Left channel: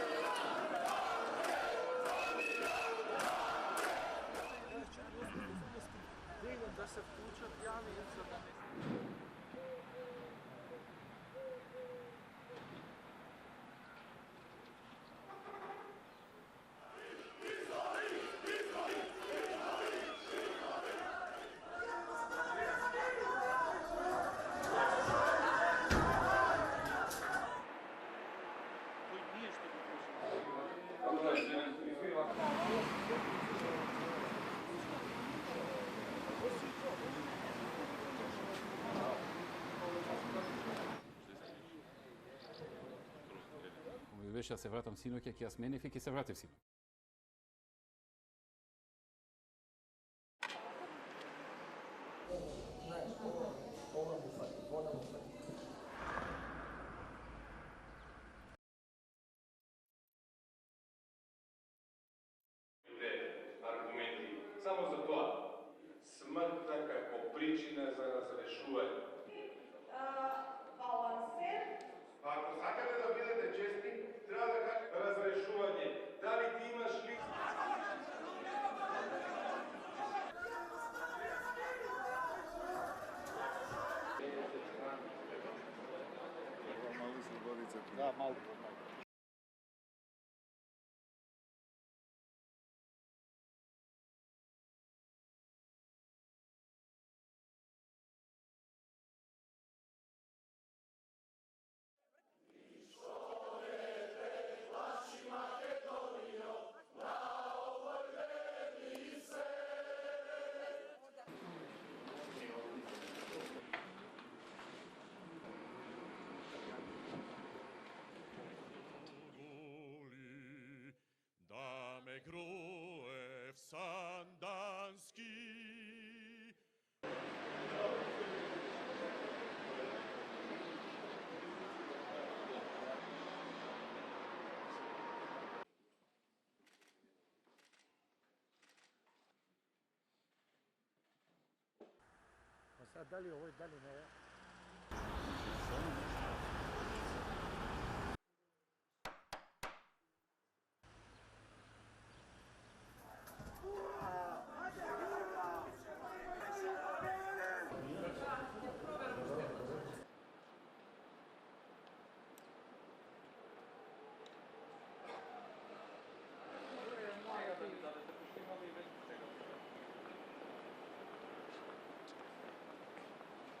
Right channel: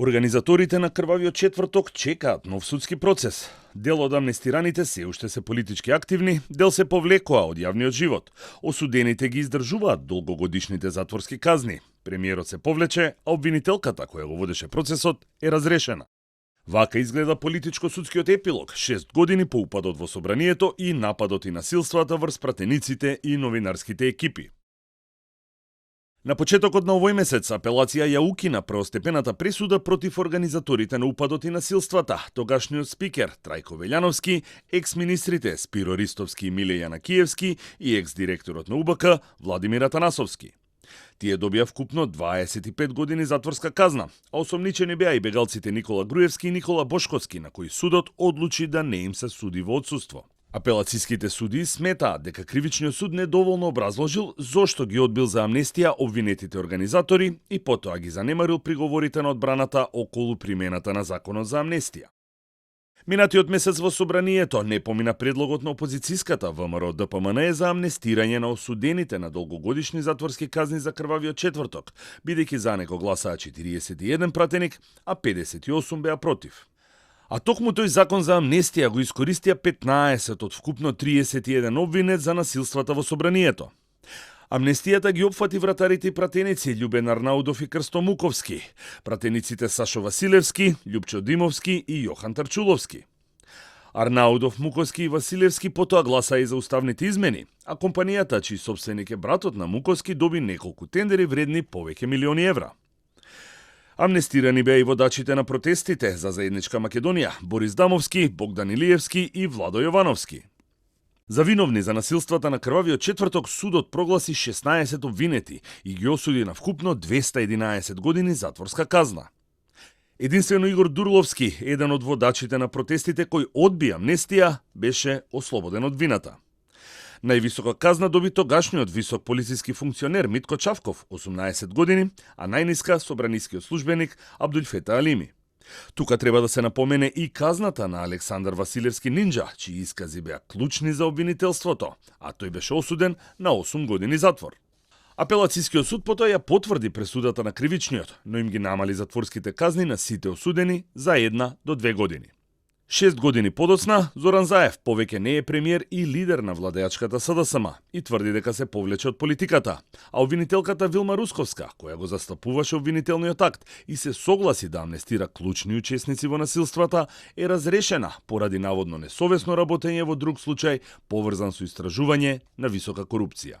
Организаторите на крвавиот четврток чекаат нов судски процес. Дел од амнестираните се уште се политички активни, дел се повлекоа од јавниот живот. Осудените ги издржуваат долгогодишните затворски казни. Премиерот се повлече, а обвинителката која го водеше процесот е разрешена. Вака изгледа политичко-судскиот епилог, 6 години по упадот во собранието и нападот и насилствата врз пратениците и новинарските екипи. На почетокот на овој месец апелација ја укина првостепената пресуда против организаторите на упадот и насилствата, тогашниот спикер Трајко Велјановски, екс-министрите Спиро Ристовски и Миле Јанакиевски и екс-директорот на УБК Владимир Атанасовски. Тие добија вкупно 25 години затворска казна, а осомничени беа и бегалците Никола Груевски и Никола Бошковски, на кои судот одлучи да не им се суди во отсуство. Апелациските суди сметаат дека кривичниот суд недоволно образложил зошто ги одбил за амнестија обвинетите организатори и потоа ги занемарил приговорите на одбраната околу примената на законот за амнестија. Минатиот месец во собранието не помина предлогот на опозицијската ВМРО ДПМН за амнестирање на осудените на долгогодишни затворски казни за крвавиот четврток, бидејќи за него гласаа 41 пратеник, а 58 беа против. А токму тој закон за амнестија го искористија 15 од вкупно 31 обвинет за насилствата во собранието. Амнестијата ги опфати вратарите и пратеници Љубен Арнаудов и Крсто Муковски, пратениците Сашо Василевски, Љупчо Димовски и Јохан Тарчуловски. Арнаудов, Муковски и Василевски потоа гласаа и за уставните измени, а компанијата, чиј собственик е братот на Муковски, доби неколку тендери вредни повеќе милиони евра. Амнестирани беа и водачите на протестите за заедничка Македонија, Борис Дамовски, Богдан Илиевски и Владо Јовановски. За виновни за насилствата на крвавиот четврток судот прогласи 16 обвинети и ги осуди на вкупно 211 години затворска казна. Единствено Игор Дурловски, еден од водачите на протестите кој одби амнестија, беше ослободен од вината. Највисока казна доби тогашниот висок полициски функционер Митко Чавков, 18 години, а најниска собранискиот службеник Абдулфета Алими. Тука треба да се напомене и казната на Александар Василевски Нинџа, чии искази беа клучни за обвинителството, а тој беше осуден на 8 години затвор. Апелацискиот суд потоа ја потврди пресудата на кривичниот, но им ги намали затворските казни на сите осудени за 1 до 2 години. 6 години подоцна, Зоран Заев повеќе не е премиер и лидер на владеачката СДСМ и тврди дека се повлече од политиката, а обвинителката Вилма Русковска, која го застапуваше обвинителниот акт и се согласи да амнестира клучни учесници во насилствата, е разрешена поради наводно несовесно работење во друг случај поврзан со истражување на висока корупција.